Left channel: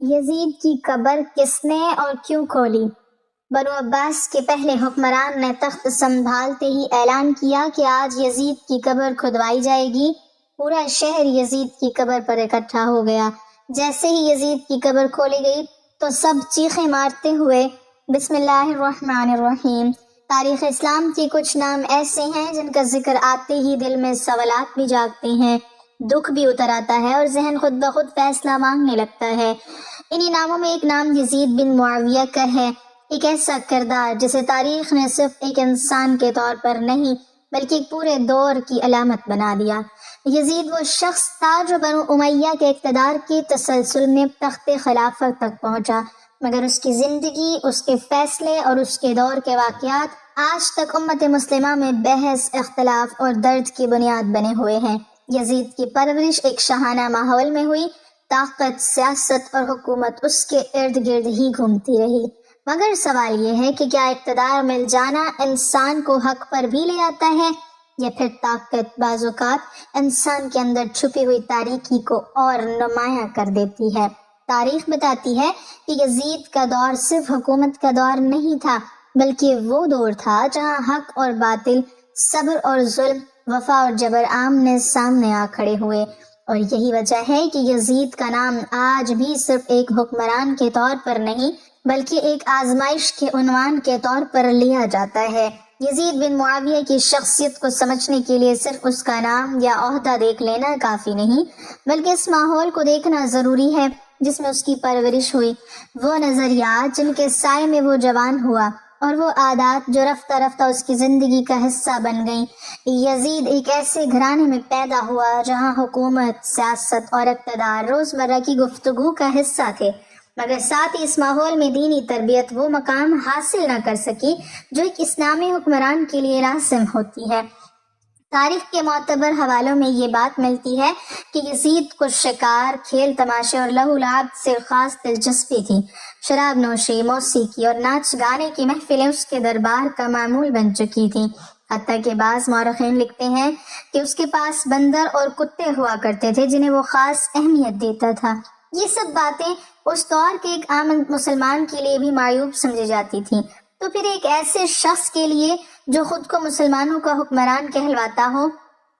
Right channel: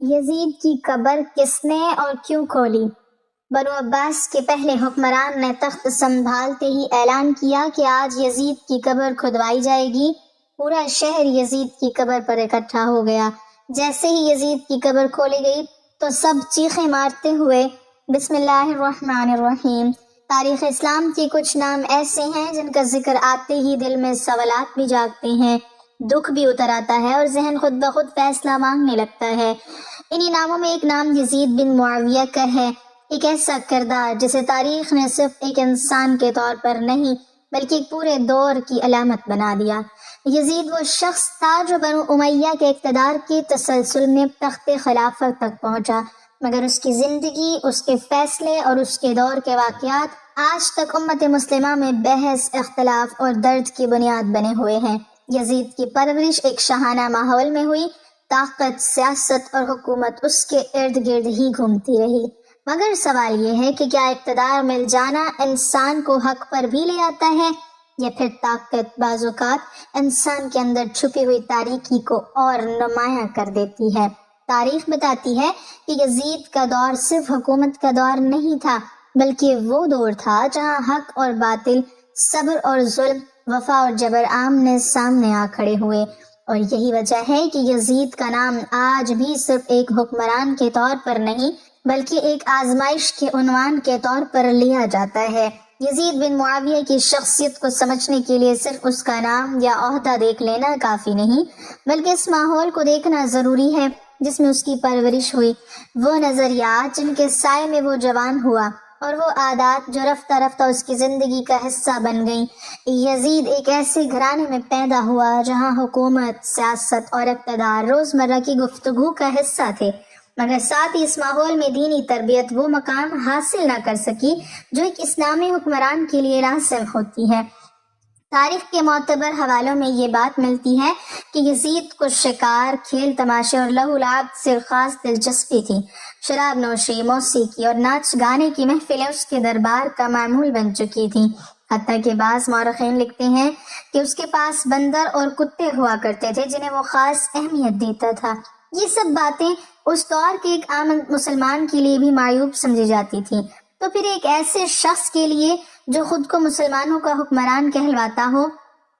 یزید کی قبر کس نے اور کیوں کھولی؟ بنو عباس کے پہلے حکمران نے تخت سنبھالتے ہی اعلان کیا کہ آج یزید کی قبر کھدوائی جائے گی۔ پورا شہر یزید کی قبر پر اکٹھا ہو گیا۔ جیسے ہی یزید کی قبر کھولی گئی تو سب چیخیں مارتے ہوئے بسم اللہ الرحمن الرحیم۔ تاریخ اسلام کے کچھ نام ایسے ہیں جن کا ذکر آتے ہی دل میں سوالات بھی جاگتے ہیں، دکھ بھی اتر آتا ہے اور ذہن خود بخود فیصلہ مانگنے لگتا ہے۔ انہی ناموں میں ایک نام یزید بن معاویہ کا ہے، ایک ایسا کردار جسے تاریخ نے صرف ایک انسان کے طور پر نہیں بلکہ ایک پورے دور کی علامت بنا دیا۔ یزید وہ شخص تھا جو بنو امیہ کے اقتدار کے تسلسل میں تخت خلافت تک پہنچا، مگر اس کی زندگی، اس کے فیصلے اور اس کے دور کے واقعات آج تک امت مسلمہ میں بحث، اختلاف اور درد کی بنیاد بنے ہوئے ہیں۔ یزید کی پرورش ایک شاہانہ ماحول میں ہوئی، طاقت، سیاست اور حکومت اس کے ارد گرد ہی گھومتی رہی، مگر سوال یہ ہے کہ کیا اقتدار مل جانا انسان کو حق پر بھی لے آتا ہے، یا پھر طاقت بعض اوقات انسان کے اندر چھپی ہوئی تاریکی کو اور نمایاں کر دیتی ہے۔ تاریخ بتاتی ہے کہ یزید کا دور صرف حکومت کا دور نہیں تھا، بلکہ وہ دور تھا جہاں حق اور باطل، صبر اور ظلم، وفا اور جبر آمنے سامنے آ کھڑے ہوئے۔ اور یہی وجہ ہے کہ یزید کا نام آج بھی صرف ایک حکمران کے طور پر نہیں بلکہ ایک آزمائش کے عنوان کے طور پر لیا جاتا ہے۔ یزید بن معاویہ کی شخصیت کو سمجھنے کے لیے صرف اس کا نام یا عہدہ دیکھ لینا کافی نہیں، بلکہ اس ماحول کو دیکھنا ضروری ہے جس میں اس کی پرورش ہوئی، وہ نظریات جن کے سائے میں وہ جوان ہوا، اور وہ عادات جو رفتہ رفتہ اس کی زندگی کا حصہ بن گئیں۔ یزید ایک ایسے گھرانے میں پیدا ہوا جہاں حکومت، سیاست اور اقتدار روزمرہ کی گفتگو کا حصہ تھے، مگر ساتھ ہی اس ماحول میں دینی تربیت وہ مقام حاصل نہ کر سکی جو ایک اسلامی حکمران کے لیے لازم ہوتی ہے۔ تاریخ کے معتبر حوالوں میں یہ بات ملتی ہے کہ یزید کو شکار، کھیل تماشے اور لہو لعب سے خاص دلچسپی تھی۔ شراب نوشی، موسیقی اور ناچ گانے کی محفلیں اس کے دربار کا معمول بن چکی تھیں، حتیٰ کہ بعض مورخین لکھتے ہیں کہ اس کے پاس بندر اور کتے ہوا کرتے تھے جنہیں وہ خاص اہمیت دیتا تھا۔ یہ سب باتیں اس دور کے ایک عام مسلمان کے لیے بھی معیوب سمجھی جاتی تھیں، تو پھر ایک ایسے شخص کے لیے جو خود کو مسلمانوں کا حکمران کہلواتا ہو،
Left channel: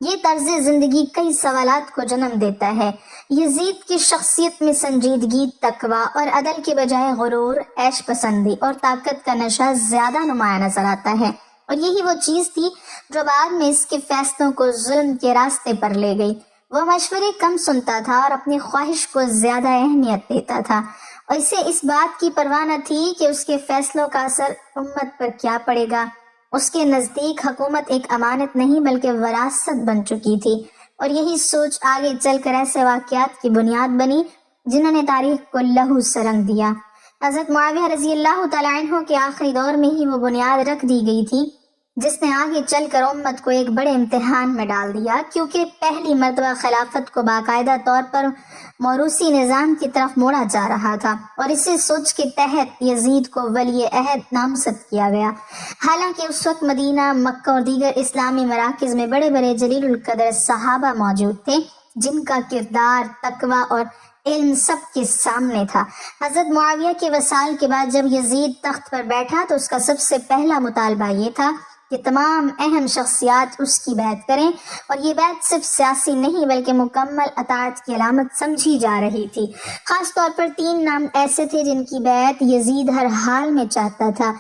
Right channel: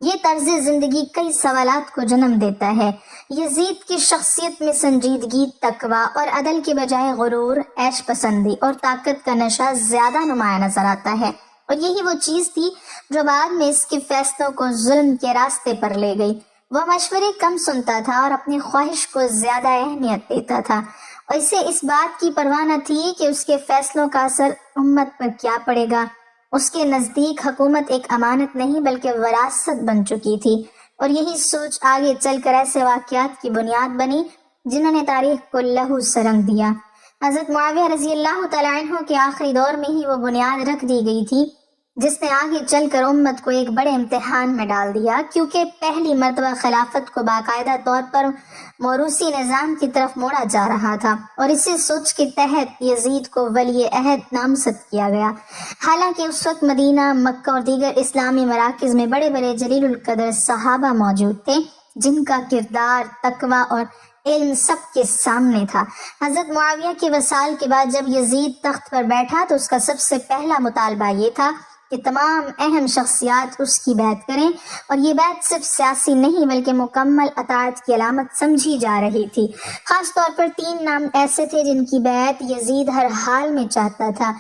یہ طرز زندگی کئی سوالات کو جنم دیتا ہے۔ یزید کی شخصیت میں سنجیدگی، تقویٰ اور عدل کے بجائے غرور، عیش پسندی اور طاقت کا نشہ زیادہ نمایاں نظر آتا ہے، اور یہی وہ چیز تھی جو بعد میں اس کے فیصلوں کو ظلم کے راستے پر لے گئی۔ وہ مشورے کم سنتا تھا اور اپنی خواہش کو زیادہ اہمیت دیتا تھا، اور اسے اس بات کی پرواہ نہ تھی کہ اس کے فیصلوں کا اثر امت پر کیا پڑے گا۔ اس کے نزدیک حکومت ایک امانت نہیں بلکہ وراثت بن چکی تھی، اور یہی سوچ آگے چل کر ایسے واقعات کی بنیاد بنی جنہوں نے تاریخ کو لہو سے رنگ دیا۔ حضرت معاویہ رضی اللہ تعالیٰ عنہ کے آخری دور میں ہی وہ بنیاد رکھ دی گئی تھی جس نے آگے چل کر امت کو ایک بڑے امتحان میں ڈال دیا، کیونکہ پہلی مرتبہ خلافت کو باقاعدہ طور پر موروثی نظام کی طرف موڑا جا رہا تھا، اور اسی سوچ کے تحت یزید کو ولی عہد نامزد کیا گیا۔ حالانکہ اس وقت مدینہ، مکہ اور دیگر اسلامی مراکز میں بڑے بڑے جلیل القدر صحابہ موجود تھے جن کا کردار، تقویٰ اور علم سب کے سامنے تھا۔ حضرت معاویہ کے وصال کے بعد جب یزید تخت پر بیٹھا تو اس کا سب سے پہلا مطالبہ یہ تھا کہ تمام اہم شخصیات اس کی بیعت کریں، اور یہ بیعت صرف سیاسی نہیں بلکہ مکمل اطاعت کی علامت سمجھی جا رہی تھی۔ خاص طور پر 3 نام ایسے تھے جن کی بیعت یزید ہر حال میں چاہتا تھا:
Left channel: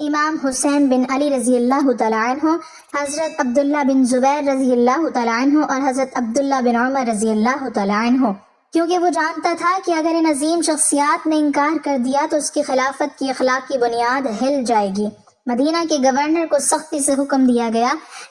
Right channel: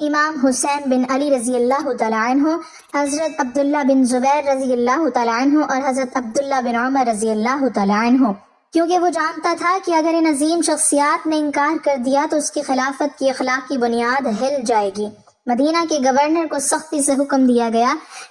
امام حسین بن علی رضی اللہ تعالیٰ عنہ، حضرت عبداللہ بن زبیر رضی اللہ تعالیٰ عنہ اور حضرت عبداللہ بن عمر رضی اللہ تعالیٰ عنہ، کیونکہ وہ جانتا تھا کہ اگر ان عظیم شخصیات نے انکار کر دیا تو اس کی خلافت کی اخلاقی بنیاد ہل جائے گی۔ مدینہ کے گورنر کو سختی سے حکم دیا گیا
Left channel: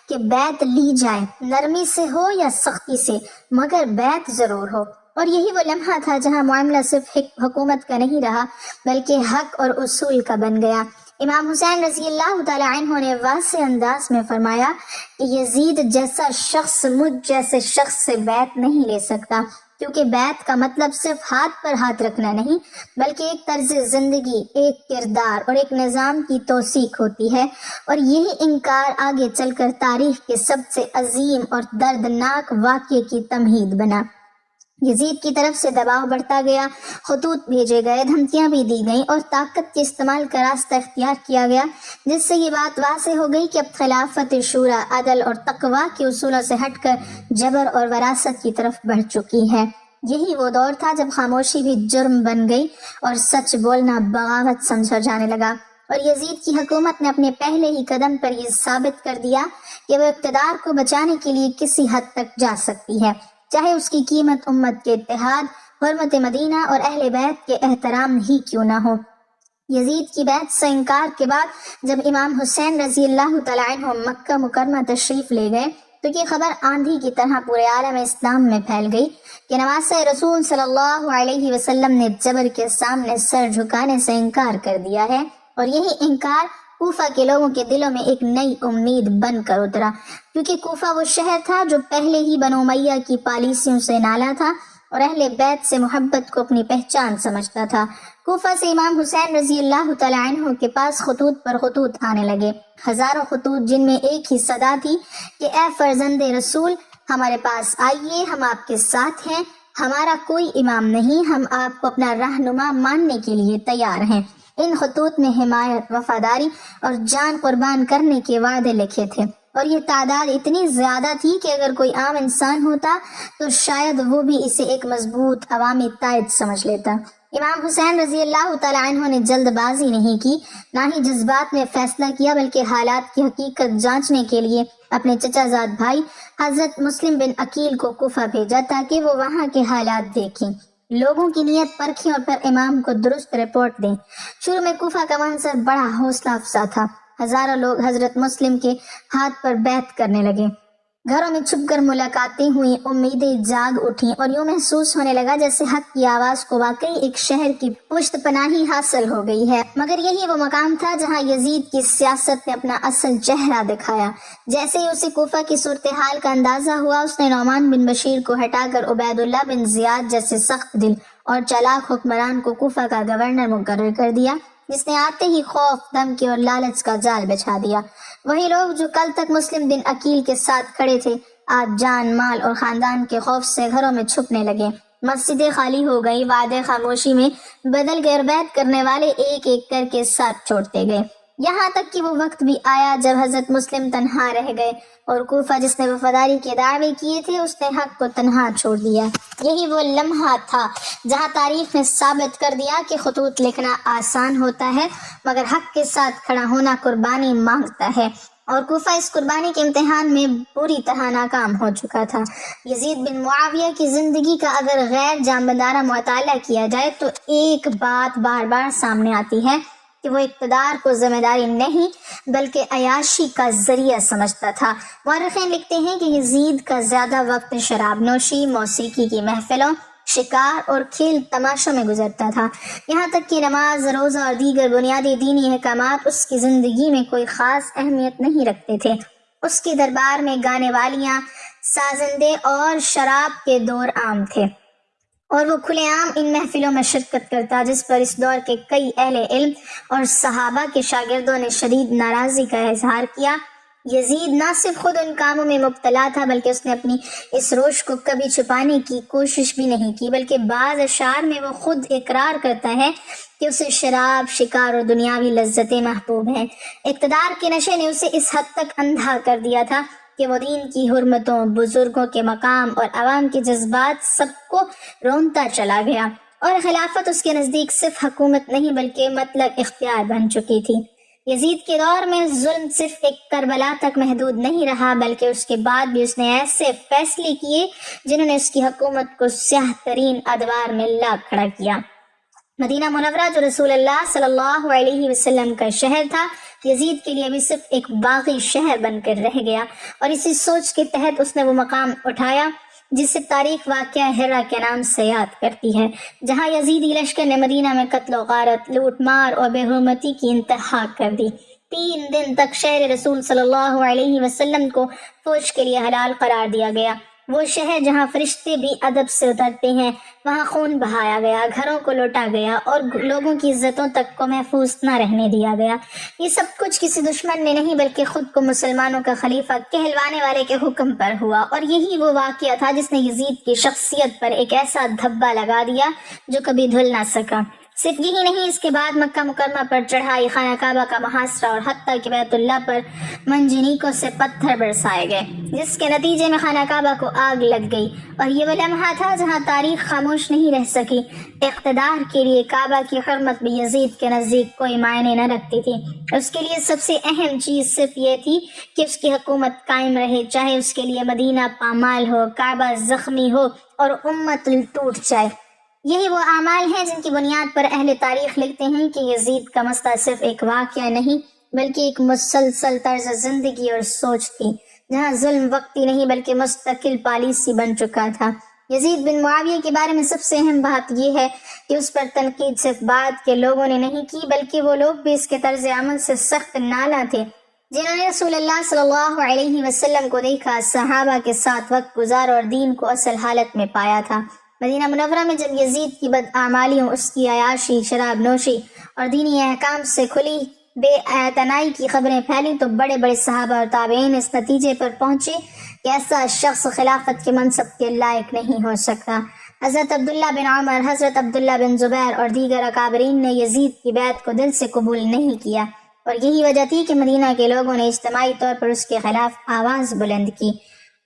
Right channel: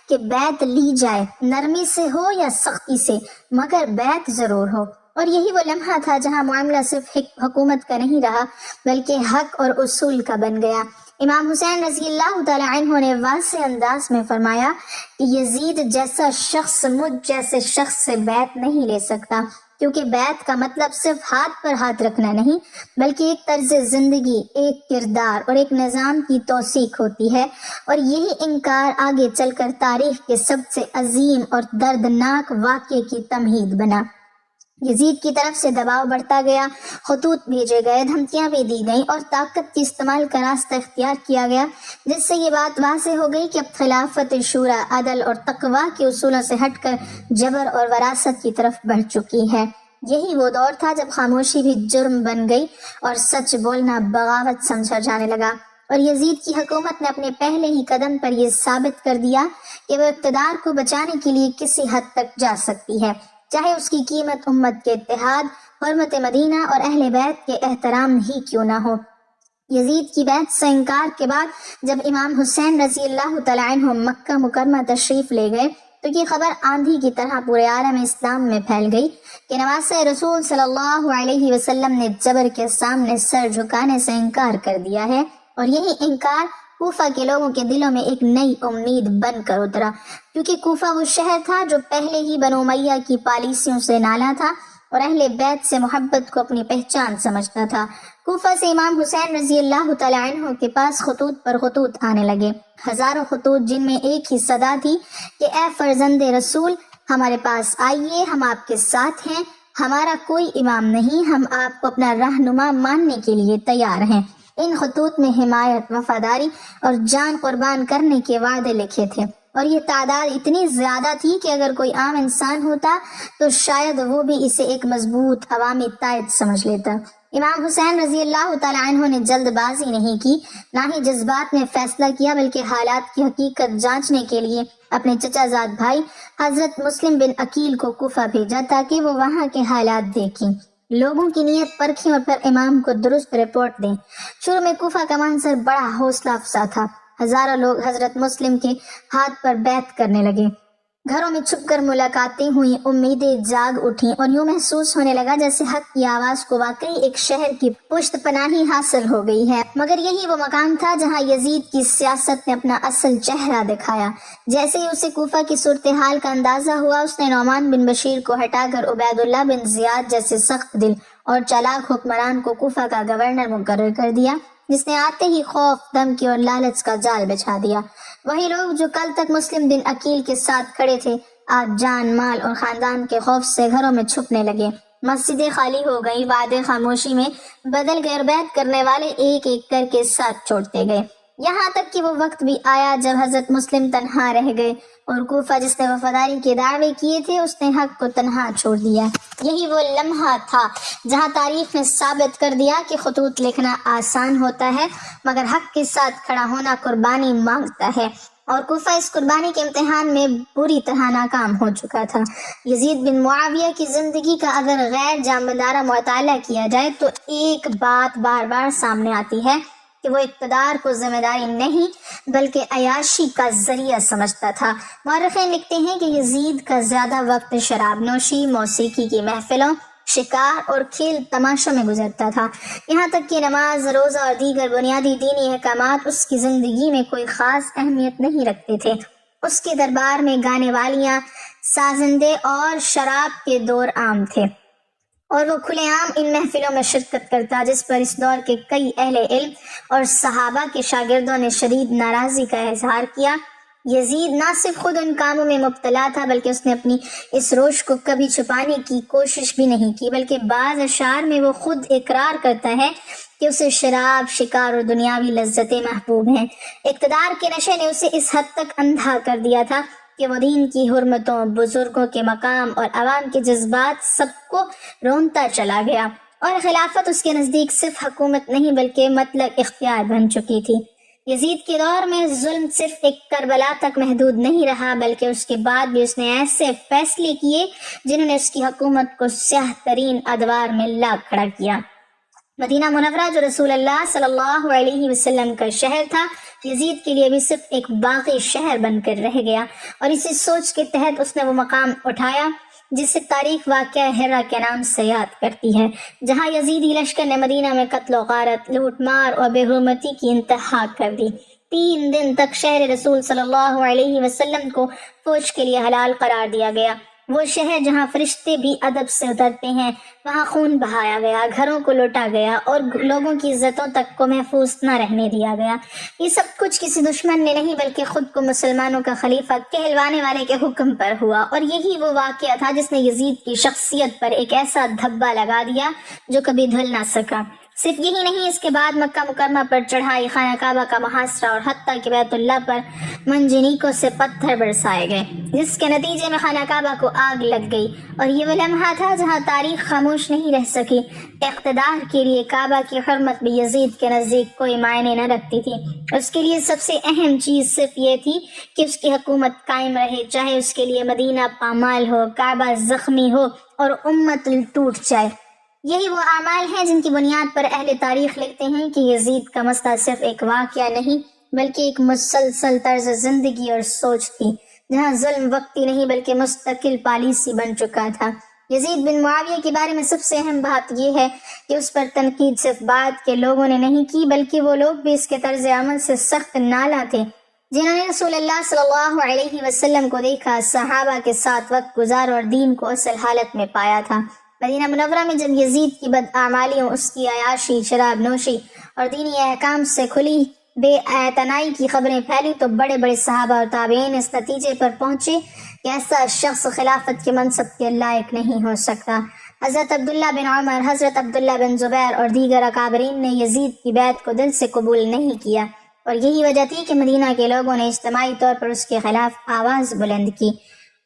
کہ بیعت لی جائے، نرمی سے ہو یا سختی سے، مگر بیعت ضرور ہو۔ اور یہی وہ لمحہ تھا جہاں معاملہ صرف حکومت کا نہیں رہا بلکہ حق اور اصول کا بن گیا۔ امام حسین رضی اللہ تعالیٰ عنہ نے واضح انداز میں فرمایا کہ یزید جیسا شخص مجھ جیسے شخص سے بیعت نہیں لے سکتا، کیونکہ بیعت کا مطلب صرف ہاتھ پر ہاتھ رکھنا نہیں بلکہ ایک طرز زندگی، ایک کردار اور ایک نظام کی توثیق ہوتی ہے، اور یہی انکار آگے چل کر تاریخ کے سب سے عظیم اور دردناک واقعے کی تمہید بنا۔ یزید کی طرف سے دباؤ بڑھتا گیا، خطوط بھیجے گئے، دھمکیاں بھی دی گئیں اور طاقت کے استعمال کا راستہ اختیار کیا گیا، جس سے یہ بات واضح ہو گئی کہ اب خلافت شورا عدل اور تقوی کے اصولوں سے ہٹ کر جبر اور وراثت کی طرف بڑھ چکی ہے۔ یہی وہ دور تھا جب خاموشی بھی جرم بن گئی اور سچ بولنا بغاوت سمجھا جانے لگا، اور یزید کی حکومت نے اپنے پہلے ہی قدم پر یہ ثابت کر دیا کہ وہ اقتدار کو بچانے کے لیے کسی حد تک جا سکتی ہے، چاہے اس کی قیمت امت کے اتحاد، حرمت مدینہ اور اہل بیت کے احترام ہی کیوں نہ ہو۔ یزید کی بیعت سے انکار کے بعد جب امام حسین رضی اللہ تعالیٰ عنہ مکہ مکرمہ تشریف لے گئے تو یہ خبر آندھی کی طرح پورے عالم اسلام میں پھیل گئی کہ نواسہ رسول صلی اللہ علیہ وسلم نے جبر کے سامنے سر جھکانے سے انکار کر دیا ہے، اور یہی انکار کوفہ کے لوگوں کے دلوں میں ایک نئی امید بن کر اترا، کیونکہ کوفہ وہ شہر تھا جو پہلے ہی بنو امیہ کی پالیسیوں سے نالا تھا اور اہل بیت سے محبت کو اپنی پہچان سمجھتا تھا۔ کوفہ سے امام حسین رضی اللہ تعالیٰ عنہ کے پاس خطوط پر خطوط آنے لگے، ہزاروں خطوط جن میں ایک ہی صدا تھی کہ اے فرزند رسول، ہمارے پاس آئیے، ہم آپ کے ساتھ ہیں، ہمارا کوئی امام نہیں، ہم آپ کو اپنا رہنما ماننے کے لیے تیار ہیں۔ ان خطوط میں حمایت، وفاداری اور جان قربان کرنے کے وعدے لکھے تھے، اور یہ تعداد اتنی زیادہ تھی کہ اگر کوئی عام انسان ہوتا تو شاید وہ بھی اسے ایک مضبوط عوامی تائید سمجھ لیتا۔ امام حسین رضی اللہ تعالیٰ عنہ نے جلد بازی نہیں کی، نہ ہی جذبات میں فیصلہ کیا، بلکہ حالات کی حقیقت جانچنے کے لیے اپنے چچا زاد بھائی حضرت مسلم بن عقیل کو کوفہ بھیجا تاکہ وہ وہاں کے حالات دیکھیں، لوگوں کی نیت پرکھیں اور پھر امام کو درست رپورٹ دیں۔ شروع میں کوفہ کا منظر بڑا حوصلہ افزا تھا، ہزاروں لوگ حضرت مسلم کے ہاتھ پر بیعت کرنے لگے، گھروں میں چھپ کر ملاقاتیں ہوئیں، امیدیں جاگ اٹھیں، اور یوں محسوس ہونے لگا جیسے حق کی آواز کو واقعی ایک شہر کی پشت پناہی حاصل ہو گئی ہے۔ مگر یہی وہ مقام تھا جہاں یزید کی سیاست نے اپنا اصل چہرہ دکھایا۔ جیسے ہی اسے کوفہ کی صورتحال کا اندازہ ہوا، اس نے نعمان بن بشیر کو ہٹا کر عبید اللہ بن زیاد جیسے سخت دل اور چالاک حکمران کو کوفہ کا گورنر مقرر کر دیا، جس نے آتے ہی خوف، دھمکی اور لالچ کا جال بچھا دیا۔ وہی لوگ جو کل تک مسلم بن عقیل کے ساتھ کھڑے تھے، آج جان، مال اور خاندان کے خوف سے گھروں میں چھپنے لگے، مسجدیں خالی ہو گئی، وعدے خاموشی میں بدل گئے، بیعت کرنے والے ایک ایک کر کے ساتھ چھوڑتے گئے، یہاں تک کہ وہ وقت بھی آیا جب حضرت مسلم تنہا رہ گئے، اور کوفہ جس نے وفاداری کے دعوے کیے تھے اس نے حق کو تنہا چھوڑ دیا۔ یہی وہ لمحہ تھا جہاں تاریخ نے ثابت کر دیا کہ خطوط لکھنا آسان ہوتا ہے مگر حق کے ساتھ کھڑا ہونا قربانی مانگتا ہے، اور کوفہ اس قربانی کے امتحان میں بری طرح ناکام ہو چکا تھا۔ یزید بن معاویہ کی زندگی کا اگر غیر جانبدارانہ مطالعہ کیا جائے تو ایک بات بار بار سامنے آتی ہے کہ وہ اقتدار کو ذمہ داری نہیں بلکہ عیاشی کا ذریعہ سمجھتا تھا۔ مورخین لکھتے ہیں کہ یزید کا زیادہ وقت شراب نوشی، موسیقی کی محفلوں، شکار اور کھیل تماشوں میں گزرتا تھا، یہاں تک کہ نماز، روزہ اور دیگر بنیادی دینی احکامات اس کی زندگی میں کوئی خاص اہمیت نہیں رکھتے تھے۔ اس کے دربار میں گانے والیاں، سازندے اور شراب کے دور عام تھے، اور وہ کھلے عام ان محفلوں میں شرکت کرتا، جس پر اس دور کے کئی اہل علم اور صحابہ کے شاگردوں نے شدید ناراضی کا اظہار کیا۔ یزید نہ صرف خود ان کاموں میں مبتلا تھا بلکہ اس نے اپنی اس روش کو کبھی چھپانے کی کوشش بھی نہیں کی، بلکہ بعض اشعار میں وہ خود اقرار کرتا ہے کہ اسے شراب، شکار اور دنیاوی لذتیں محبوب ہیں۔ اقتدار کے نشے نے اسے اس حد تک اندھا کر دیا تھا کہ وہ دین کی حرمتوں، بزرگوں کے مقام اور عوام کے جذبات سب کو رونتا چلا گیا، اور خلافت اس کے نزدیک صرف حکومت نہیں بلکہ مطلق اختیار بن چکی تھی۔ یزید کے دور میں ظلم صرف ایک کربلا تک محدود نہیں رہا بلکہ اس کے بعد بھی اس نے ایسے فیصلے کیے جنہوں نے اس کی حکومت کو سیاہ ترین ادوار میں لا کھڑا کیا۔ مدینہ منورہ جو رسول اللہ صلی اللہ علیہ وسلم کا شہر تھا، یزید کے لیے بھی صرف ایک باغی شہر بن کر رہ گیا، اور اسی سوچ کے تحت اس نے وہ مقام اٹھایا جسے تاریخ واقعہ ہرا کے نام سے یاد کرتی ہے، جہاں یزیدی لشکر نے مدینہ میں قتل و غارت، لوٹ مار اور بے حرمتی کی انتہا کر دی۔ 3 دن تک شہر رسول صلی اللہ علیہ وسلم کو فوج کے لیے حلال قرار دیا گیا، وہ شہر جہاں فرشتے بھی ادب سے اترتے ہیں، وہاں خون بہایا گیا، گھروں کو لوٹا گیا اور لوگوں کی عزتوں تک کو محفوظ نہ رہنے دیا گیا۔ یہ سب کچھ کسی دشمن نے نہیں بلکہ خود کو مسلمانوں کا خلیفہ کہلوانے والے کے حکم پر ہوا، اور یہی وہ واقعہ تھا جس نے یزید کی شخصیت پر ایک ایسا دھبا لگا دیا جو کبھی دھل نہ سکا۔ صرف یہی نہیں، اس کے بعد مکہ مکرمہ پر چڑھائی، خانہ کعبہ کا محاصرہ اور حتیٰ کہ بیت اللہ پر منجنیقوں سے پتھر برسائے گئے، جس کے نتیجے میں خانہ کعبہ کو آگ لگ گئی، اور یہ وہ لمحہ تھا جہاں تاریخ خاموش نہیں رہ سکی۔ اقتدار کے لیے کعبہ کی حرمت بھی یزید کے نزدیک کوئی معنی نہ رکھتی تھی۔ اس کے لیے سب سے اہم چیز صرف یہ تھی کہ اس کی حکومت قائم رہے، چاہے اس کے لیے مدینہ پامال ہو، کعبہ زخمی ہو اور امت ٹوٹ جائے۔ یہی وہ اعمال ہیں جن کی بنیاد پر اہل تاریخ لکھتے ہیں کہ یزید کا مسئلہ صرف ایک واقعہ نہیں بلکہ ایک مسلسل طرز زندگی اور سوچ تھی، جہاں ظلم وقتی نہیں بلکہ مستقل پالیسی بن چکا تھا۔ یزید بن معاویہ کے بارے میں سب سے اہم بات یہ ہے کہ اس پر تنقید صرف بعد کے لوگوں نے نہیں کی، بلکہ وہ لوگ بھی اس کے طرز عمل سے سخت نالاں تھے جنہوں نے رسول اللہ صلی اللہ علیہ وسلم کو دیکھا، صحابہ کے ساتھ وقت گزارا اور دین کو اصل حالت میں پایا تھا۔ مدینہ منورہ میں جب یزید کی بدعمالیوں، اس کی عیاشی، شراب نوشی اور دینی احکام سے کھلی بے اعتنائی کی خبریں پھیلی تو بڑے بڑے صحابہ اور تابعین اس نتیجے پر پہنچے کہ ایسا شخص خلافت کے منصب کے لائق نہیں ہو سکتا۔ حضرت عبداللہ بن عمر، حضرت عبداللہ بن زبیر اور دیگر اکابرین نے یزید کی بیعت کو دل سے قبول نہیں کیا، اور یہی وجہ تھی کہ مدینہ کے لوگوں نے اجتماعی طور پر اس کے خلاف آواز بلند کی۔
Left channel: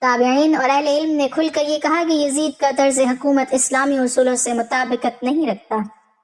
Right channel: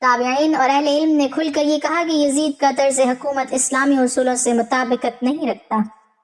تابعین اور اہل علم نے کھل کر یہ کہا کہ یزید کا طرز حکومت اسلامی اصولوں سے مطابقت نہیں رکھتا،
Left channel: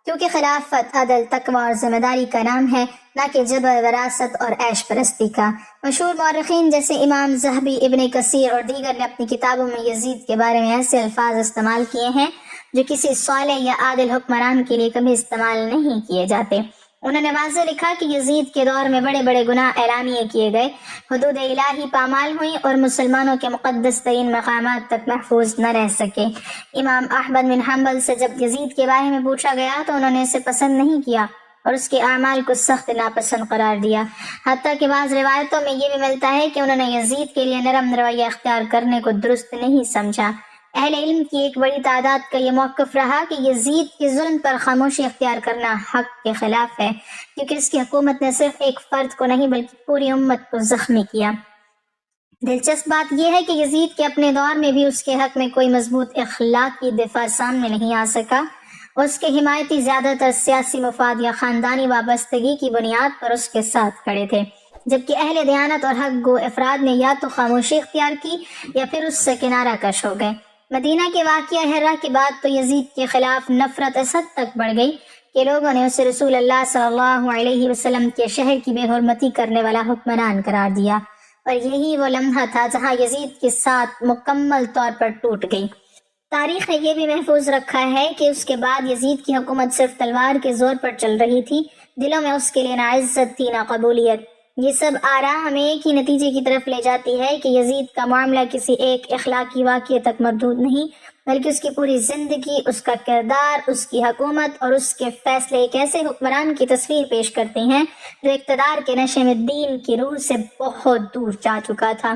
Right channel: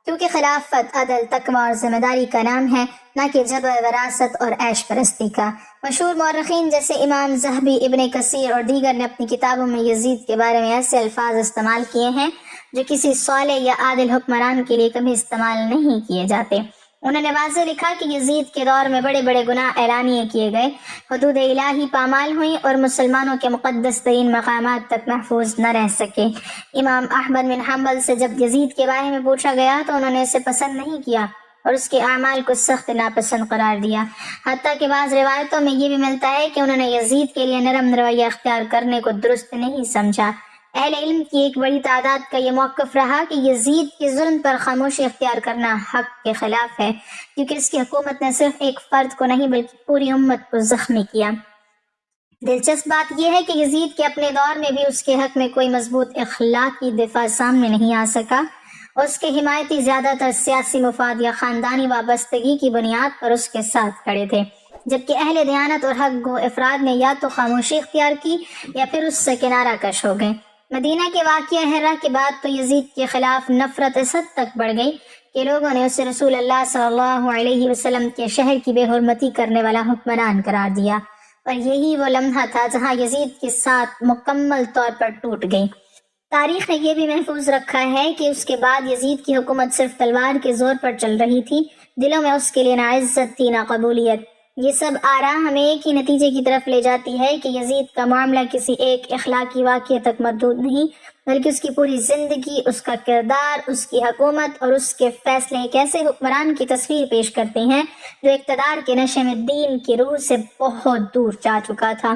کیونکہ خلافت عدل، تقوی اور ذمہ داری کا نام ہے، نہ کہ جبر، وراثت اور عیش پرستی کا۔ مشہور مورخین جیسے امام ذہبی، ابن کثیر اور دیگر نے اپنی کتابوں میں یزید کے بارے میں ایسے الفاظ استعمال کیے ہیں جو کسی صالح یا عادل حکمران کے لیے کبھی استعمال نہیں کیے جاتے۔ انہوں نے واضح لکھا کہ یزید کے دور میں بڑے بڑے گناہ اعلانیے کیے گئے، حدود الہی پامال ہوئی اور مسلمانوں کے مقدس ترین مقامات تک محفوظ نہ رہ سکے۔ امام احمد بن حنبل سے جب یزید کے بارے میں پوچھا گیا تو انہوں نے اسے پسند نہیں کیا اور اس کے اعمال کو سخت ناپسند قرار دیا، حتیٰ کہ بعض روایتوں میں یہ بھی ملتا ہے کہ انہوں نے یزید کے لیے نرم رویہ اختیار کرنے کو درست نہیں سمجھا۔ اہل علم کی ایک بڑی تعداد کا یہ موقف رہا کہ یزید کے ظلم پر خاموشی اختیار کرنا حق کے خلاف ہے، کیونکہ اس کی حکومت نے صرف ایک فرد کو نہیں بلکہ پوری امت کو زخمی کیا۔ دلچسپ بات یہ ہے کہ یزید کے اپنے دور میں بھی اس کے حق میں کوئی مضبوط اخلاقی دفاع سامنے نہیں آ سکا۔ اس کے حمایتی زیادہ تر سیاسی مفاد یا خاندانی وابستگی کی بنیاد پر اس کے ساتھ کھڑے تھے، جبکہ اہل دیانت اور حق گو افراد نے یا تو خاموشی اختیار کی یا پھر اس سے کنارہ کش ہو گئے۔ مدینہ کے واقعہ ہرہ کے بعد تو یزید کے خلاف نفرت اس حد تک بڑھ گئی کہ لوگوں نے اسے رسول اللہ صلی اللہ علیہ وسلم کے شہر کی بے حرمتی کرنے والا حکمران قرار دیا، اور یہی وہ لمحہ تھا جہاں یزید کے ساتھ مکمل طور پر ٹوٹ گئی۔ تاریخ نے یہ بھی محفوظ رکھا ہے کہ اس کے بعد یزید کی حکومت صرف تلوار کے زور پر چل رہی تھی، دلوں میں اس کے لیے نہ عزت تھی نہ قبولیت۔ یہ سب آراء ہمیں ایک ہی نتیجے کی طرف لے جاتی ہے کہ یزید کا معاملہ کسی ایک اخلاقی واقعے تک محدود نہیں، بلکہ اس کی پوری زندگی، اس کا کردار، اس کی حکومت اور اس کے فیصلے ایک ایسے حکمران کی تصویر پیش کرتے ہیں جو اقتدار کے نشے میں دین کی روح سے بہت دور جا چکا تھا۔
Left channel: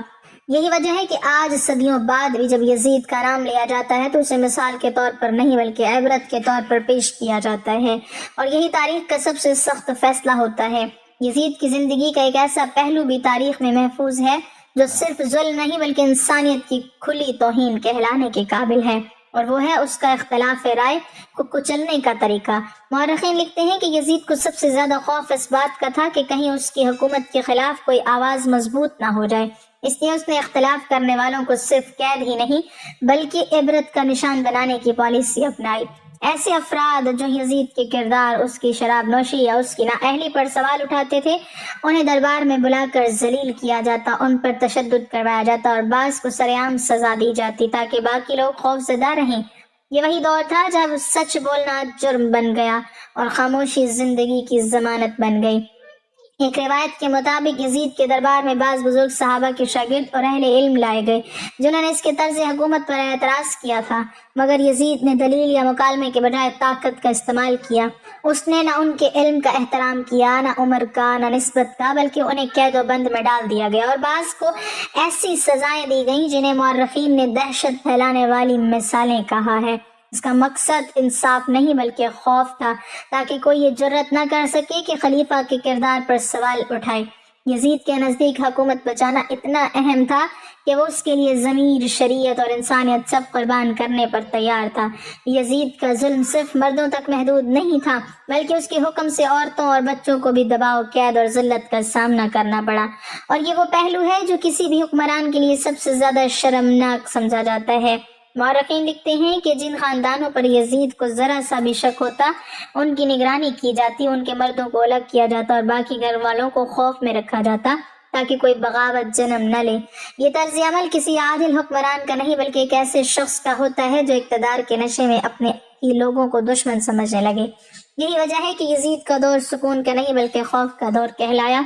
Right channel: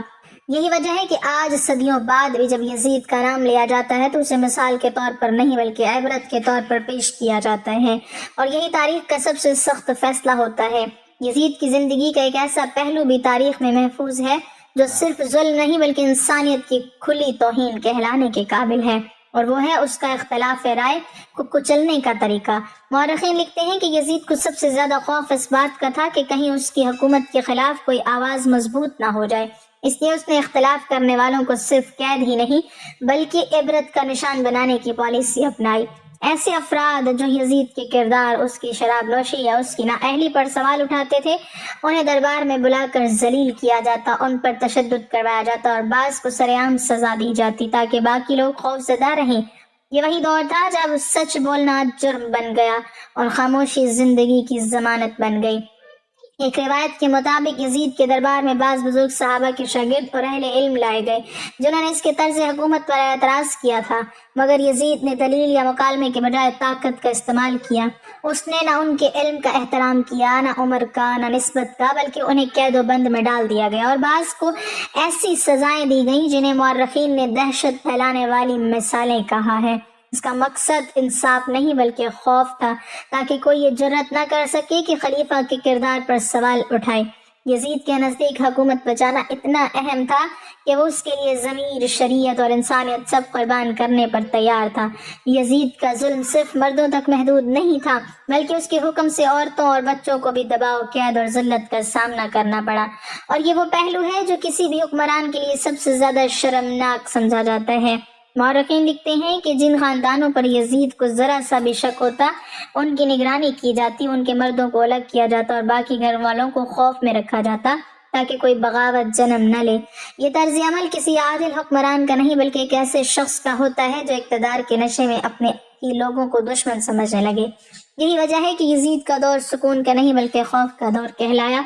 یہی وجہ ہے کہ آج صدیوں بعد بھی جب یزید کا نام لیا جاتا ہے تو اسے مثال کے طور پر نہیں بلکہ عبرت کے طور پر پیش کیا جاتا ہے، اور یہی تاریخ کا سب سے سخت فیصلہ ہوتا ہے۔ یزید کی زندگی کا ایک ایسا پہلو بھی تاریخ میں محفوظ ہے جو صرف ظلم نہیں بلکہ انسانیت کی کھلی توہین کہلانے کے قابل ہے، اور وہ ہے اس کا اختلاف رائے کو کچلنے کا طریقہ۔ مورخین لکھتے ہیں کہ یزید کو سب سے زیادہ خوف اس بات کا تھا کہ کہیں اس کی حکومت کے خلاف کوئی آواز مضبوط نہ ہو جائے، اس لیے اس نے اختلاف کرنے والوں کو صرف قید ہی نہیں بلکہ عبرت کا نشان بنانے کی پالیسی اپنائی۔ ایسے افراد جو یزید کے کردار، اس کی شراب نوشی یا اس کی نااہلی پر سوال اٹھاتے تھے، انہیں دربار میں بلا کر ذلیل کیا جاتا، ان پر تشدد کروایا جاتا اور بعض کو سرعام سزا دی جاتی تاکہ باقی لوگ خوفزدہ رہیں۔ یہ وہی دور تھا جب سچ بولنا جرم بن گیا اور خاموشی زندگی کی ضمانت بن گئی۔ ایک روایت کے مطابق یزید کے دربار میں بعض بزرگ صحابہ کے شاگرد اور اہل علم لائے گئے جنہوں نے اس کے طرز حکومت پر اعتراض کیا تھا، مگر یزید نے دلیل یا مکالمے کے بجائے طاقت کا استعمال کیا۔ اس نے نہ ان کے علم کا احترام کیا، نہ عمر کا، نہ نسبت کا، بلکہ انہیں قید و بند میں ڈال دیا گیا اور بعض کو ایسی سزائیں دی گئیں جنہیں مورخین نے دہشت پھیلانے والی مثالیں کہا ہے۔ اس کا مقصد انصاف نہیں بلکہ خوف تھا، تاکہ کوئی یہ جرأت نہ کر سکے کہ خلیفہ کے کردار پر سوال اٹھائے۔ یزید کے نزدیک حکومت بچانا اتنا اہم تھا کہ وہ اس کے لیے ضمیر، شریعت اور انسانیت سب قربان کرنے پر تیار تھا۔ یزید کا ظلم صرف مردوں تک محدود نہیں تھا، بلکہ اس کے حکم سے عورتوں اور بچوں کو بھی دباؤ، قید اور ذلت کا سامنا کرنا پڑا، اور یہ وہ پہلو ہے جو کسی بھی حکمران کے لیے سب سے زیادہ شرمناک سمجھا جاتا ہے۔ مورخین لکھتے ہیں کہ جن خاندانوں پر یزید کو ذرا سا بھی شک ہوتا، ان کی نگرانی کی جاتی، ان کے مردوں کو الگ کیا جاتا اور باقی گھر والوں کو خوف میں رکھا جاتا تاکہ کوئی بغاوت جنم نہ لے۔ یہ طرز عمل کسی عادل حکمران کا نہیں بلکہ ایک ایسے شخص کا ہوتا ہے جو اقتدار کے نشے میں اپنے ہی لوگوں کو دشمن سمجھنے لگے۔ یہی وجہ ہے کہ یزید کا دور سکون کا نہیں بلکہ خوف کا دور کہلایا،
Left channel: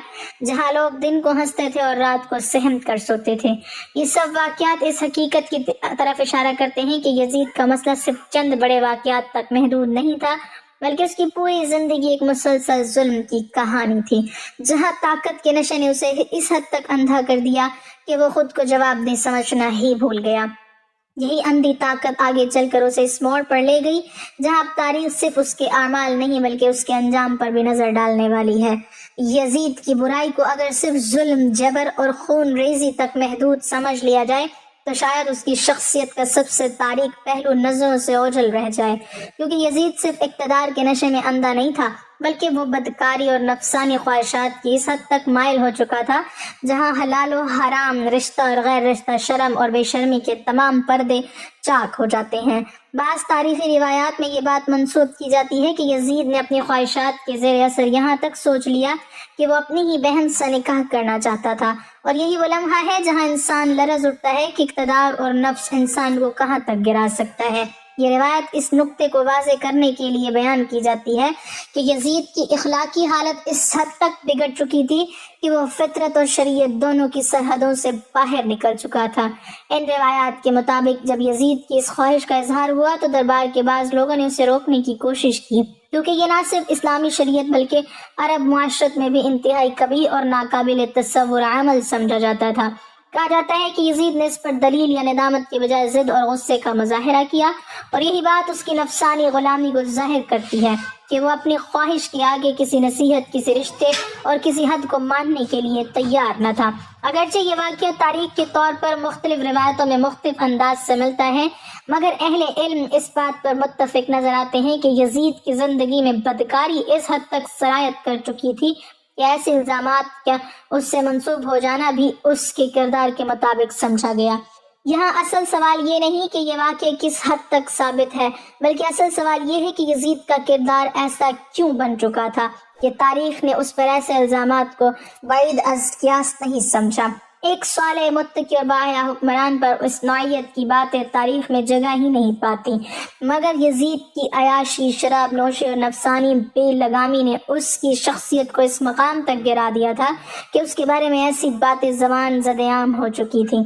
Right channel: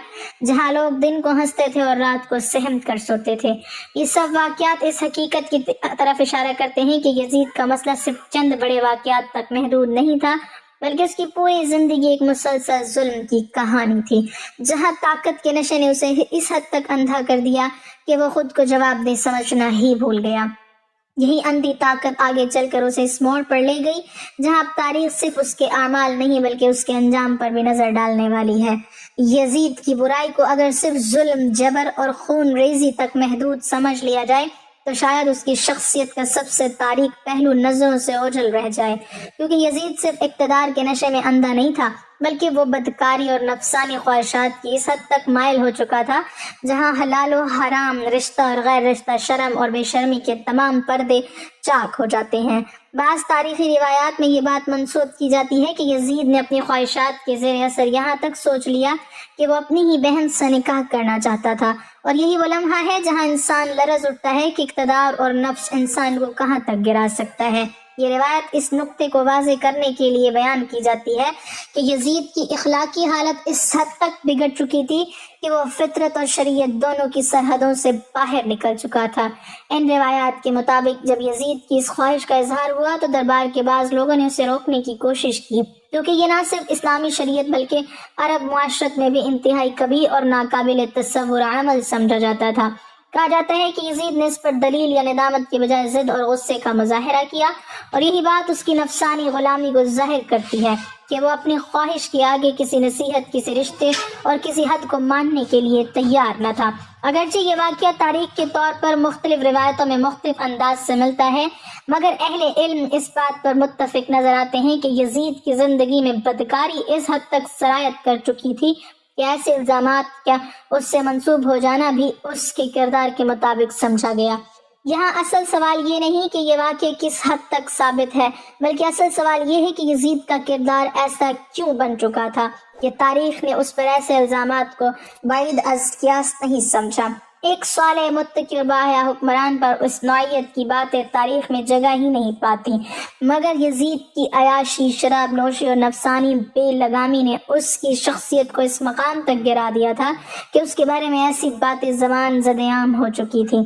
جہاں لوگ دن کو ہنستے تھے اور رات کو سہم کر سوتے تھے۔ یہ سب واقعات اس حقیقت کی طرف اشارہ کرتے ہیں کہ یزید کا مسئلہ صرف چند بڑے واقعات تک محدود نہیں تھا، بلکہ اس کی پوری زندگی ایک مسلسل ظلم کی کہانی تھی، جہاں طاقت کے نشے نے اسے اس حد تک اندھا کر دیا کہ وہ خود کو جواب دہ سمجھنا ہی بھول گیا۔ یہی اندھی طاقت آگے چل کر اسے اس موڑ پر لے گئی جہاں اب تاریخ صرف اس کے اعمال نہیں بلکہ اس کے انجام پر بھی نظر ڈالنے والی ہے۔ یزید کی برائی کو اگر صرف ظلم، جبر اور خون ریزی تک محدود سمجھ لیا جائے تو شاید اس کی شخصیت کا سب سے تاریک پہلو نظروں سے اوجھل رہ جائے، کیونکہ یزید صرف اقتدار کے نشے میں اندھا نہیں تھا بلکہ وہ بدکاری اور نفسانی خواہشات کی اس حد تک مائل ہو چکا تھا جہاں حلال و حرام، رشتہ اور غیر رشتہ، شرم اور بے شرمی کے تمام پردے چاک ہو جاتے ہیں۔ بعض تاریخی روایات میں یہ بات منسوب کی جاتی ہے کہ یزید نے اپنی خواہشات کے زیر اثر یہاں تک سوچ لیا کہ وہ اپنی ہی بہن سے نکاح کرنا چاہتا تھا، اور یہی وہ لمحہ ہے جہاں انسان لرز اٹھتا ہے کہ اقتدار اور نفس انسان کو کہاں تک گرا سکتا ہے۔ یہ روایت اس نقطے کو واضح کرنے کے لیے بیان کی جاتی ہے کہ یزید کی اخلاقی حالت اس حد تک بگڑ چکی تھی کہ وہ فطرت اور شریعت دونوں کی سرحدوں سے باہر نکل چکا تھا۔ ان روایات کے مطابق جب یزید کی اس خواہش کا اظہار ہوا تو دربار کے بعض لوگوں نے اسے روکنے کی کوشش کی، کیونکہ یہ نہ صرف اسلامی شریعت بلکہ عرب معاشرت میں بھی انتہائی کبیر اور ناقابل تصور عمل سمجھا جاتا تھا۔ کہا جاتا ہے کہ یزید نے اس پر دلیل یا ندامت کے بجائے ضد اور غصے کا مظاہرہ کیا، اور یہی بات اس کی نفسانی غلامی کو ظاہر کرتی ہے کہ وہ اپنی خواہش کے آگے کسی نصیحت، کسی رشتے اور کسی حد کو ماننے کے لیے تیار نہ تھا۔ اگرچہ یہ واقعہ تاریخ کے طور پر مختلف روایتوں میں مختلف انداز سے ملتا ہے، مگر اہل علم اس بات پر متفق نظر آتے ہیں کہ یزید کی زندگی میں بدکاری اس حد تک سرایت کر چکی تھی کہ ایسے الزامات کا اس سے منسوب ہو جانا بھی اس کے کردار کے مطابق سمجھا گیا۔ یہاں اصل سوال یہ نہیں کہ یہ واقعہ کس حد تک ثابت ہے، بلکہ اصل سوال یہ ہے کہ یزید کا کردار ایسا کیوں بن چکا تھا کہ تاریخ نے اس پر ایسے الزامات کو بعید از قیاس نہیں سمجھا۔ ایک صالح، متقی اور باحیا حکمران پر اس نوعیت کی باتیں تاریخ میں جگہ ہی نہیں پاتی، مگر یزید کی عیاشی، شراب نوشی اور نفسانی بے لگامی نے اس کی شخصیت کو اس مقام تک گرا دیا تھا کہ اس کے بارے میں ایسی باتیں زبان زد عام ہو چکی تھی۔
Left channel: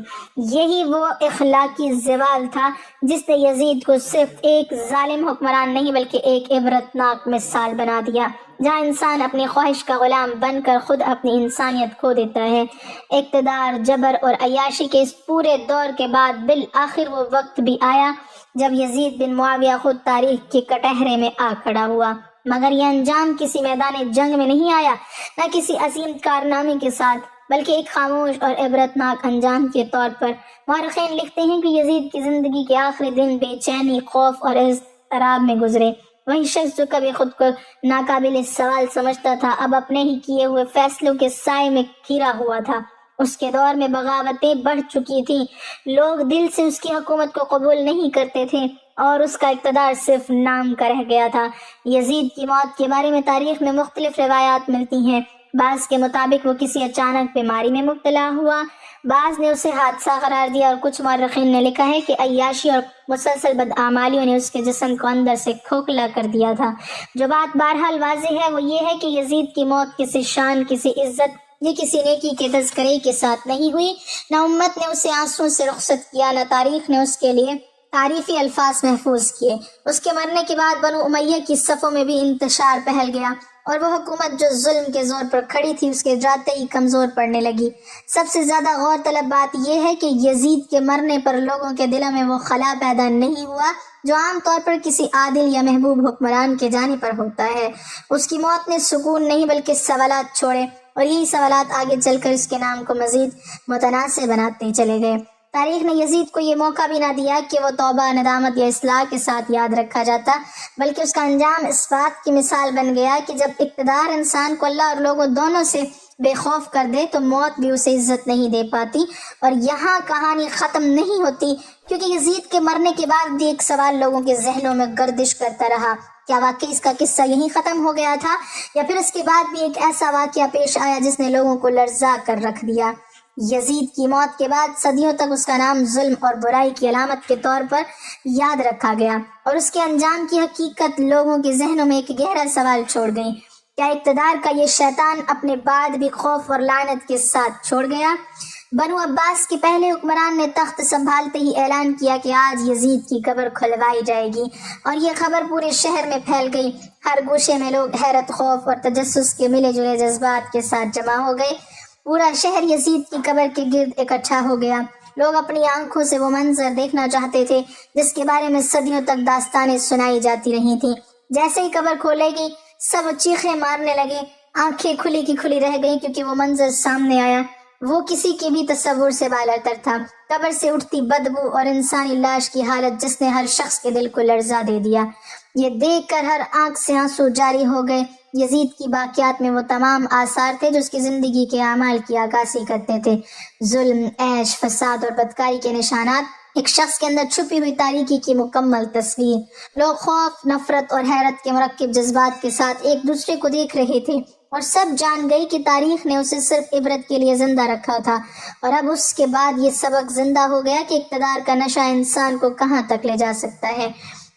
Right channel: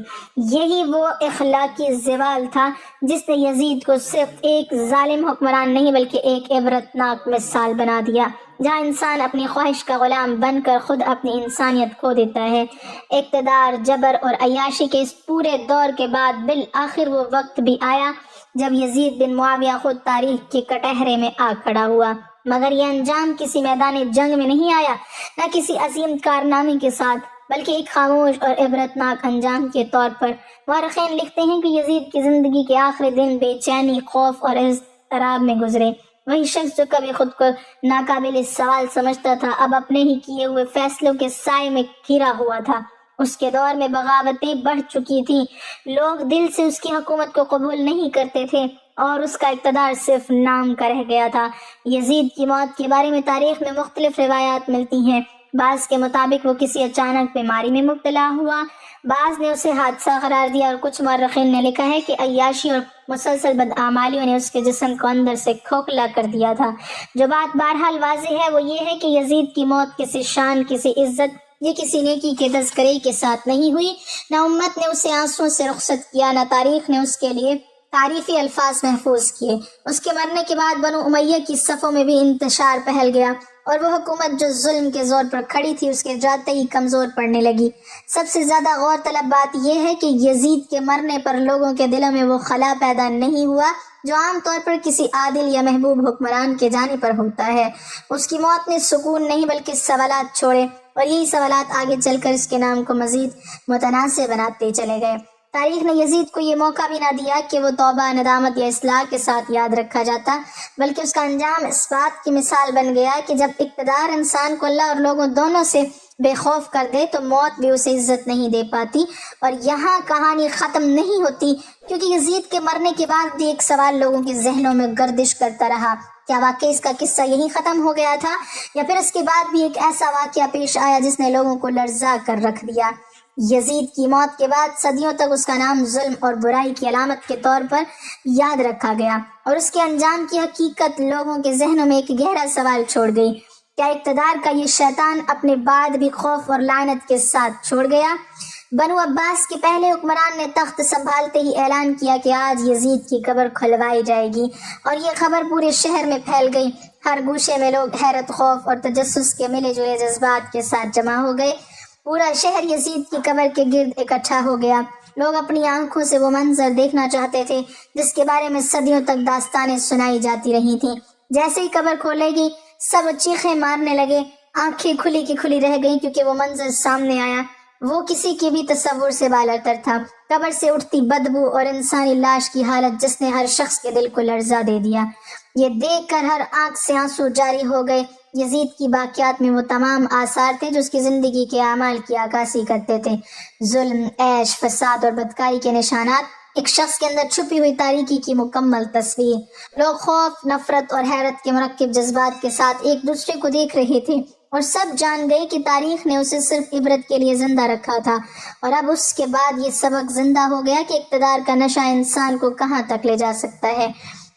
یہی وہ اخلاقی زوال تھا جس نے یزید کو صرف ایک ظالم حکمران نہیں بلکہ ایک عبرتناک مثال بنا دیا، جہاں انسان اپنی خواہش کا غلام بن کر خود اپنی انسانیت کھو دیتا ہے۔ اقتدار، جبر اور عیاشی کے اس پورے دور کے بعد بالآخر وہ وقت بھی آیا جب یزید بن معاویہ خود تاریخ کے کٹہرے میں آ کھڑا ہوا، مگر یہ انجام کسی میدان جنگ میں نہیں آیا، نہ کسی عظیم کارنامے کے ساتھ، بلکہ ایک خاموش اور عبرتناک انجام کے طور پر۔ مورخین لکھتے ہیں کہ یزید کی زندگی کے آخری دن بے چینی، خوف اور اضطراب میں گزرے۔ وہی شخص جو کبھی خود کو ناقابل سوال سمجھتا تھا، اب اپنے ہی کیے ہوئے فیصلوں کے سائے میں گھرا ہوا تھا۔ اس کے دور میں بغاوتیں بڑھ چکی تھیں، لوگ دل سے اس کی حکومت کو قبول نہیں کرتے تھے اور اس کا اقتدار صرف نام کا رہ گیا تھا۔ یزید کی موت کے بارے میں تاریخ میں مختلف روایات ملتی ہیں۔ بعض کے مطابق وہ کسی اچانک بیماری میں مبتلا ہوا، بعض نے اسے حادثہ قرار دیا، اور کچھ مورخین نے لکھا ہے کہ عیاشی اور مسلسل بدعمالیوں نے اس کے جسم کو اندر سے کھوکھلا کر دیا تھا۔ جو بات بہرحال واضح ہے وہ یہ ہے کہ یزید کی موت کسی شان، کسی عزت یا کسی نیکی کے تذکرے کے ساتھ نہیں ہوئی۔ نہ امت نے اسے آنسوں سے رخصت کیا، نہ تاریخ نے اس کے لیے تعریفی الفاظ محفوظ کیے۔ اس کے مرنے کے بعد بنو امیہ کی صفوں میں بھی انتشار پھیل گیا، اور وہ حکومت جو ظلم کے زور پر کھڑی تھی اس کے جاتے ہی کمزور پڑنے لگی۔ سب سے زیادہ غور طلب بات یہ ہے کہ یزید کے مرنے پر لوگوں کے دلوں میں وہ خلا پیدا نہیں ہوا جو عام طور پر کسی عادل یا محبوب حکمران کے جانے پر ہوتا ہے۔ اس کی موت نے سکون نہیں بلکہ سوالات چھوڑے، اور یہی سوالات آگے چل کر اس کے نام کو مزید متنازع بناتے چلے گئے۔ تاریخ نے یزید کو یہ موقع بھی نہ دیا کہ وہ توبہ، ندامت یا اصلاح کے ساتھ یاد رکھا جاتا، بلکہ اس کا انجام اس بات کی مثال بن گیا کہ جب اقتدار انسان کو اللہ اور لوگوں دونوں سے بے خوف کر دے تو موت بھی اسے عزت نہیں دے پاتی۔ اور یہاں کہانی ختم نہیں ہوتی، کیونکہ یزید کے مرنے کے بعد بھی ایک سوال لوگوں کے ذہنوں میں گردش کرتا رہا: کیا واقعی اس کا قصہ یہیں ختم ہو گیا تھا، یا پھر اس کے بعد بھی ایک ایسا واقعہ پیش آیا جس نے لوگوں کو لرزا کر رکھ دیا؟ یزید کی موت کے بعد صدیوں تک اس کا نام ظلم اور برائی کی علامت کے طور پر یاد رکھا گیا، اور اس کے انجام کی حقیقت لوگوں کے ذہنوں میں ایک گہرا سوال چھوڑ گئی: کیا اقتدار کا یہ شیطان اپنے بعد بھی خوف اور لعنت کے ساتھ چھوڑ گیا؟ بنو عباس کے پہلے حکمران نے تخت سنبھالتے ہی اعلان کیا کہ آج یزید کی قبر کھلوائی جائے گی، اور یہ خبر پورے شہر میں پھیل گئی۔ ہر گوشے میں لوگ حیرت، خوف اور تجسس کے ملے جلے جذبات کے ساتھ جمع ہو گئے۔ پورا شہر یزید کی قبر کے گرد اکٹھا ہو گیا۔ لوگ اپنی آنکھوں سے وہ منظر دیکھنا چاہتے تھے جس کے بارے میں صدیوں تک داستانیں سنائی جاتی رہی تھیں۔ جیسے ہی قبر کھولے گی سب چیخیں مارنے لگے، آنکھیں کھلی کی کھلی رہ گئیں، کیونکہ وہ منظر سامنے آیا وہ کسی کے بھی تصور سے بالاتر تھا۔ قبر سے اٹھتی بدبو اور انسانی لاش کی حالت جس نے ہر شخص کے دل کو لرزا دے دیا۔ یہ دیکھ کر ہر آنکھ سے آنسو جاری ہو گئے۔ یزید کی باقیات میں وہ تمام آثار تھے جو اس کی زندگی کے اعمال کی عکاسی کرتے تھے: ظلم، عیش، فساد اور بدکاری کے نشانات، ایک شخص کے اندر چھپی ہوئی تاریکی کی مکمل تصویر۔ لوگ خوف، نفرت اور حیرت کے مرکب جذبات کے ساتھ ایک دوسرے کو دیکھ رہے تھے، اور سب جان گئی کہ تاریخ نے اسے صرف عبرت کے لیے زندہ رکھا تھا، اور اب اس کے بعد یہ سبق زندہ ہو گیا کہ اقتدار کا نشہ انسان کو کہاں تک لے جا سکتا ہے۔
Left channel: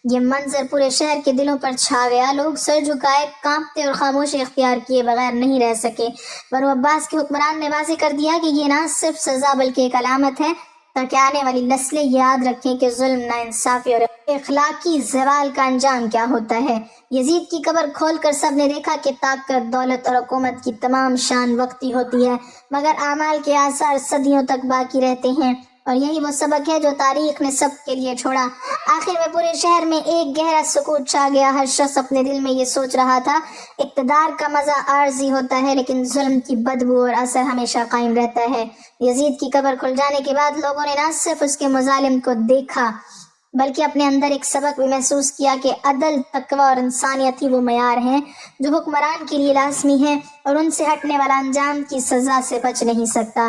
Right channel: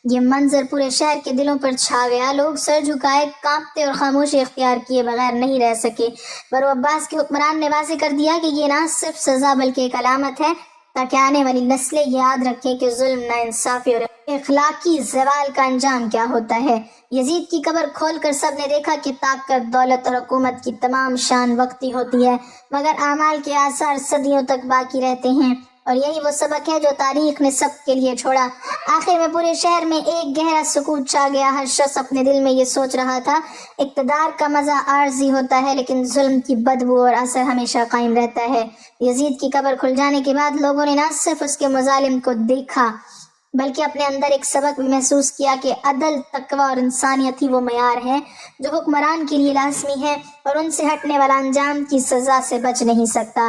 یہ منظر پورے شہر کے دلوں پر چھا گیا۔ لوگ سر جھکائے، کانپتے اور خاموشی اختیار کیے بغیر نہیں رہ سکے۔ بنو عباس کے حکمران نے واضح کر دیا کہ یہ نہ صرف سزا بلکہ ایک علامت ہے، تاکہ آنے والی نسلیں یاد رکھیں کہ ظلم، ناانصافی اور اخلاقی زوال کا انجام کیا ہوتا ہے۔ یزید کی قبر کھول کر سب نے دیکھا کہ طاقت، دولت اور حکومت کی تمام شان وقتی ہوتی ہے، مگر اعمال کے آثار صدیوں تک باقی رہتے ہیں، اور یہی وہ سبق ہے جو تاریخ نے سب کے لیے چھوڑا۔ آخر میں پورے شہر میں ایک گہرا سکوت چھا گیا۔ ہر شخص اپنے دل میں یہ سوچ رہا تھا: اقتدار کا مزہ عارضی ہوتا ہے، لیکن ظلم کی بدبو اور اثر ہمیشہ قائم رہتا ہے۔ یزید کی قبر کھل جانے کے بعد لوگوں نے نہ صرف اس کے مظالم کو دیکھا بلکہ اپنے اندر ایک سبق بھی محسوس کیا کہ عدل، تقوی اور انسانیت ہی وہ معیار ہیں جو حکمران کے لیے لازمی ہے، اور ان سے ہٹنے والا انجام کی سزا سے بچ نہیں سکتا۔